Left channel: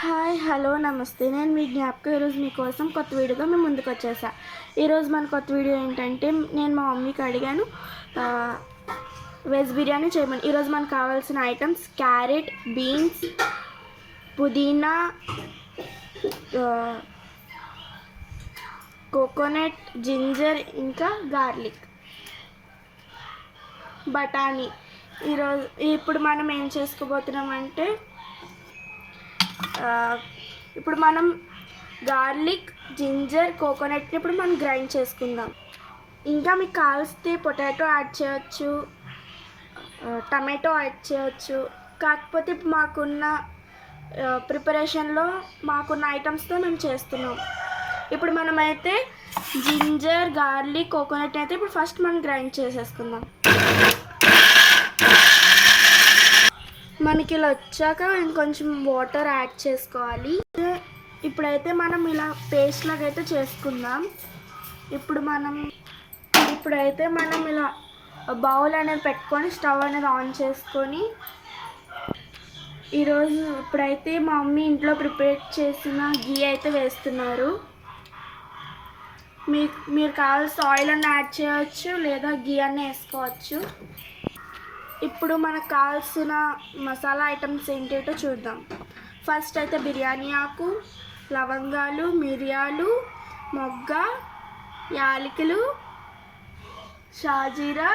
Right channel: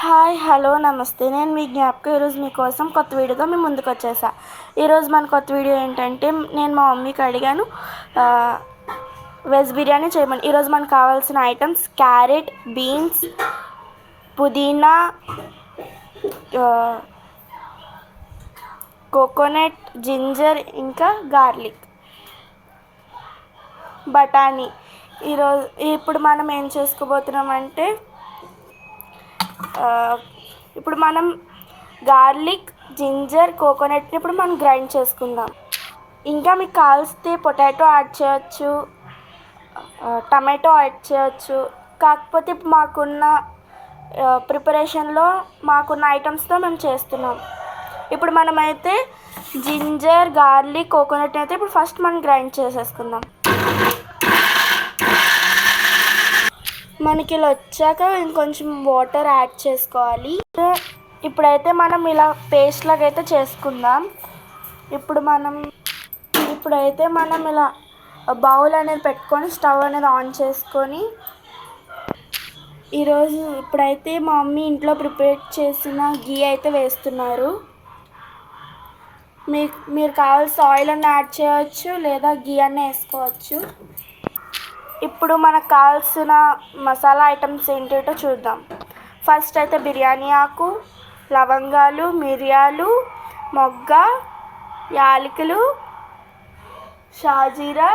Hi hello నమస్తే. నేను మీ జ్ఞాపకం ఈరోజు మీకోసం కొత్త వీడియోతో మీ ముందుకు వచ్చేసా. ఈరోజు మన కొత్త వీడియో ఏంటంటే నేను మా మమ్మీకి అడిగాను వెజ్ బిర్యానీ చేయమని. ఈరోజు మనకు కావాల్సిన ఐటమ్స్ క్యారెట్, బీన్స్, పుదీనా, కోకోనట్, జింజర్, ఇంకా గార్లిక్, బఠానీ. ఇప్పుడు మనం ఏం చేసుకోబోతున్నామంటే ఇప్పుడు మనం గార్లిక్, జింజర్, కోకోనట్ని ఇప్పుడు మనం గ్రైండ్ చేసుకుందాం. ఇంకా మీకు కావాల్సితే పొటాటో యాడ్ చేయొచ్చు, టమాటో యాడ్ చేయొచ్చు. కాకపోతే ఇప్పుడు మాకున్న ప్రిపరేషన్లో మాకున్న ఐటమ్స్తో మేము చేస్తున్నాం. ఇప్పుడు మనమైతే జింజర్, గార్లిక్, కోకోనట్ అయితే ఇప్పుడు ఫస్ట్ మనం గ్రైండ్ చేసేసుకుందాం. మనకి ఇలా వచ్చాక ఇంకొంచెం వాటర్ యాడ్ చేసుకోవాలి. ఇప్పుడైతే మనం ఇలా పేస్ట్ లాగా అయితే చేసుకుందాం. ఇప్పుడైతే మనం ఇలా బౌల్ అనేది పెట్టుకొని స్టవ్ అనేది ఆన్ చేసుకొని ఇప్పుడైతే మా మమ్మీ ఇంట్లో ప్రిపేర్ చేసిన గీ అయితే వేస్తున్నారు. మీరు కావాల్సిన ఆయిల్ అన్న యాడ్ చేయవచ్చు, లేదా గీ అన్న వేసుకోవచ్చు. ఇప్పుడు మనకు కావాల్సిన మసాలా ఐటమ్స్ ఏంటో చూద్దాం. ఫస్ట్ అయితే బిర్యానీ ఆకు, లవంగాలు, మిరియాలు, మొగ్గ, యాలకులు, షాజీరా,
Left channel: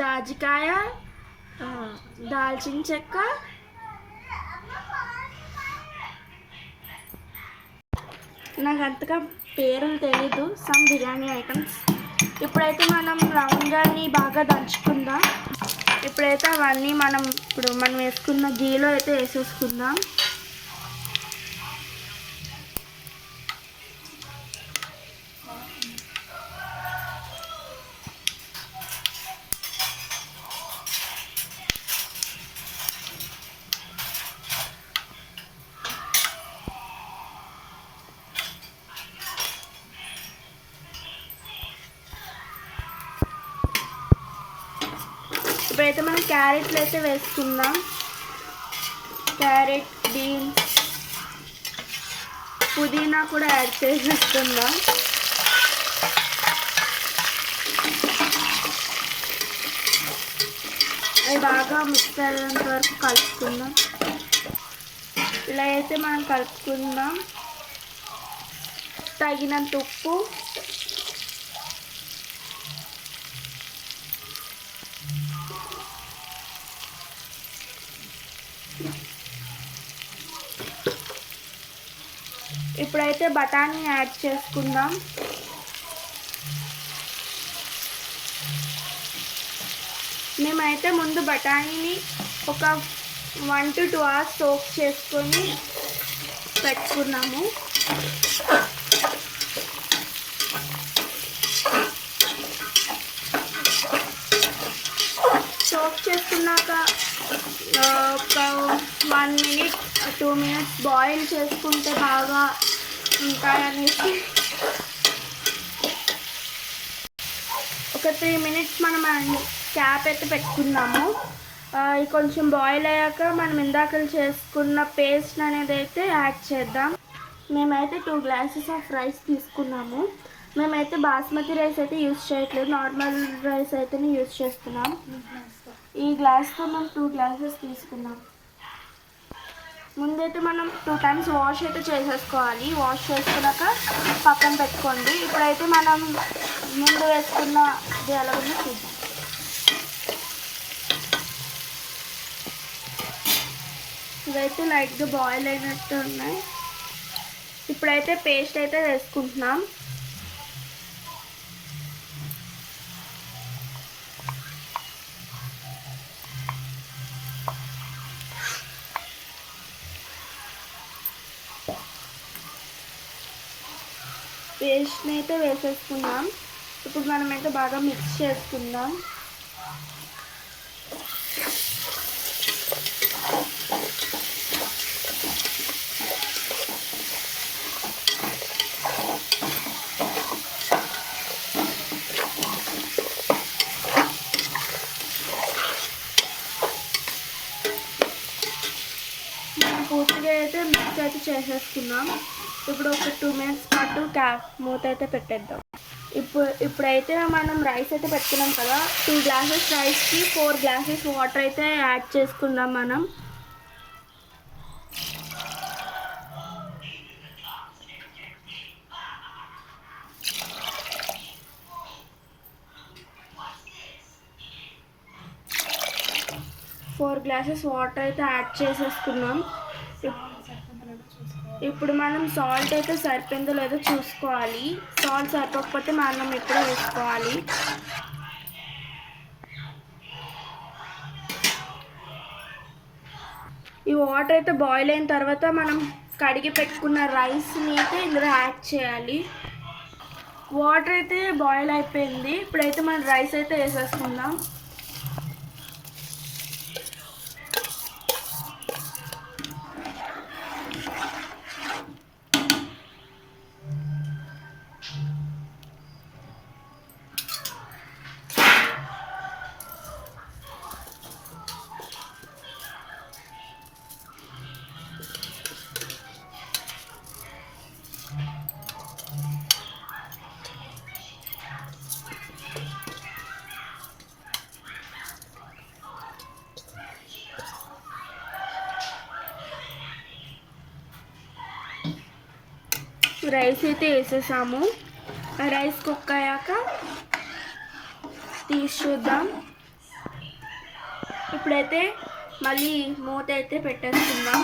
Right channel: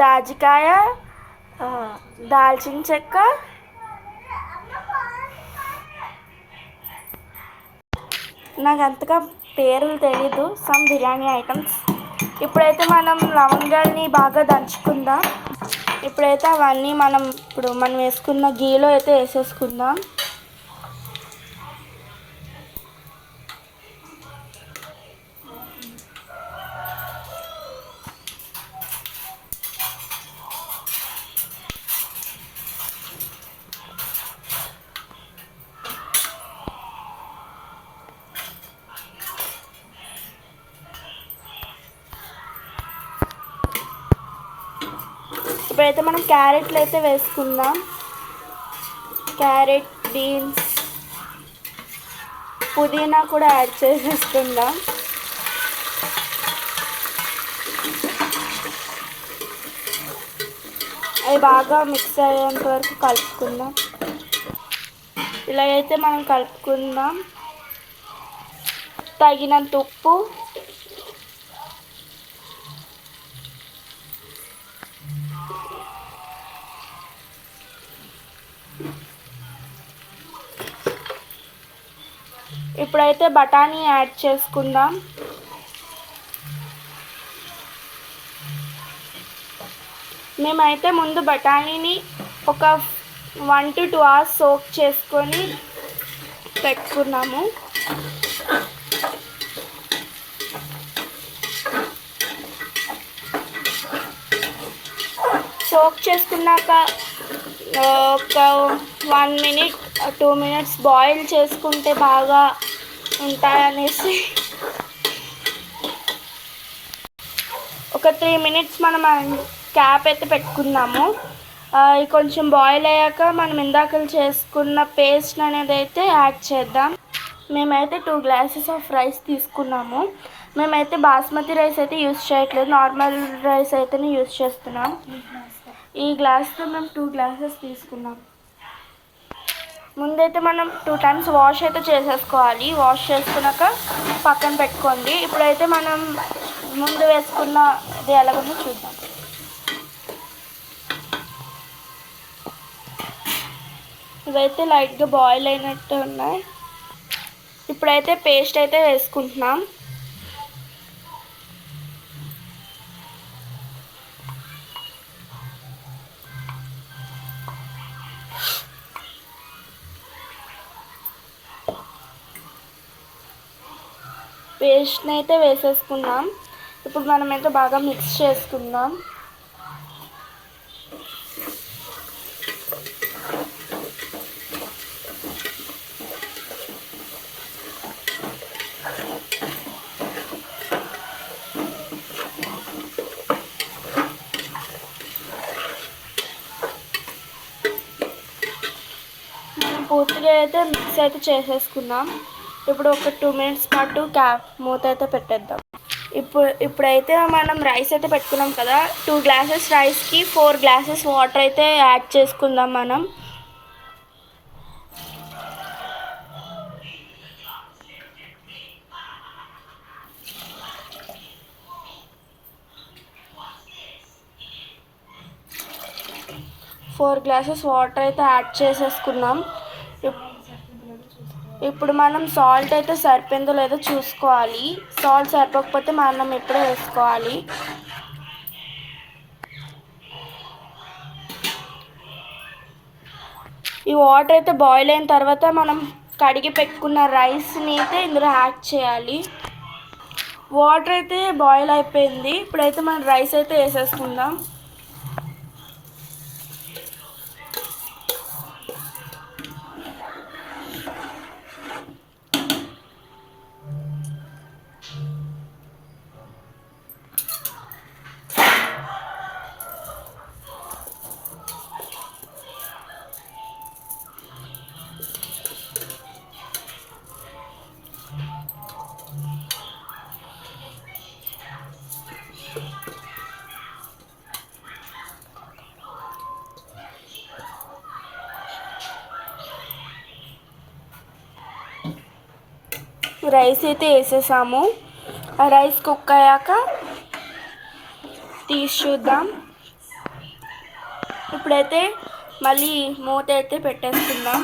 జాజికాయ, దాల్చిన చెక్క, నాకు అంతగా పేర్లు తెలీదు, సమ్ బిర్యానీ ఐటమ్స్. ఇప్పుడైతే మనం లవంగాల్ని బాగా దంచుకుందాం. ఇప్పుడైతే అవన్నీ మనం వేసుకున్న గీలో అయితే వేసేసుకుందాం. ఇప్పుడైతే మనం క్యారెట్లు అయితే వేసుకుందాం. క్యారెట్, బీన్స్, పుదీనా కూడా యాడ్ చేసేసుకుందాం. అవి బాగా మిక్స్ అయ్యేంత వరకు కలుపుకుందాం. ఇలా అయితే మనం కలుపుకుందాం. తగినంత ఉప్పు, ఇప్పుడైతే బఠానీ యాడ్ చేసుకుందాం. మేమైతే ముందు బఠానీని ఒక 1 to 2 hours సోక్ చేసుకొని పెట్టుకున్నాము. సోక్ చేసుకున్నాక ఒక 1 minute 2 minutes బాయిల్ చేసుకుంటే బాగా ఉంటాయనేసి ఒక 3 minutes మనం క్యాప్ అయితే పెట్టుకుందాము. కొంచెం బాయిల్ అయ్యాక మనం ఇందాక చేసుకున్న పేస్ట్ అనేది అయితే యాడ్ చేద్దాం. మేమైతే 2 glasses ఆఫ్ రైస్ తీసుకున్నాము. మేమైతే బాస్మతి రైస్ అయితే యూజ్ చేయట్లేదు, నార్మల్ రైస్ అయితేనే యూజ్ చేస్తున్నాం. ఈ గ్లాస్తో మేము 2 glasses తీసుకున్నాం. ముందైతే మనం 2 times వాష్ అయితే చేసేసుకోవాలి. వాష్ చేసుకున్నాక పక్కన పెట్టుకోండి. ఇప్పుడైతే మనం ముందు వేసుకున్నది ఎలాగుందో చూద్దాం. ఇవైతే లైట్గా బాయిల్ అయినట్టు ఉన్నాయి. ఇప్పుడైతే పేస్ట్ అయితే వేసుకుంటున్నాం. పేస్ట్ని అయితే వేసేసుకున్నాం. ఇప్పుడు మనమైతే బాగా మిక్స్ చేసుకుందాం. పూర్తిగా అయితే మిక్స్ అయితే చేసేసుకుందాం. ఇప్పుడు ఒక 2 మినిట్స్ పాటు మూత అయితే పెట్టేద్దాం. ఇప్పుడైతే మనం రైస్ అయితే పెట్టుకున్నాం కదా, 2 గ్లాసెస్ రైస్కి 4 గ్లాసెస్ వాటర్ అయితే యాడ్ చేసుకుందాం మనం. ఫోర్ గ్లాసెస్ వాటర్ అయితే యాడ్ చేసేసుకున్నాం. ఇప్పుడు మనం సాల్ట్ అయితే సరిపోయిందో లేదో చూసుకోవాలి. సాల్ట్ సరిపోకపోతే మనం ఇప్పుడే వేసుకోవాలి. ఈ వాటర్ అయితే బాయిల్ అయిన తర్వాత మనం కడిగి పెట్టుకున్న రైస్ని అయితే ఇందులో యాడ్ చేయాలి. వాటర్ అయితే బాయిల్ అయిపోయింది. ఇప్పుడైతే మనం రైస్ అయితే వేసేసుకుందాం. రైస్ అయితే వేసేసాము. ఆ రైస్ కుక్ అయ్యాక తీసి చూద్దాం. ఇప్పుడైతే మళ్ళీ మూత అయితే పెట్టేసుకుందాం.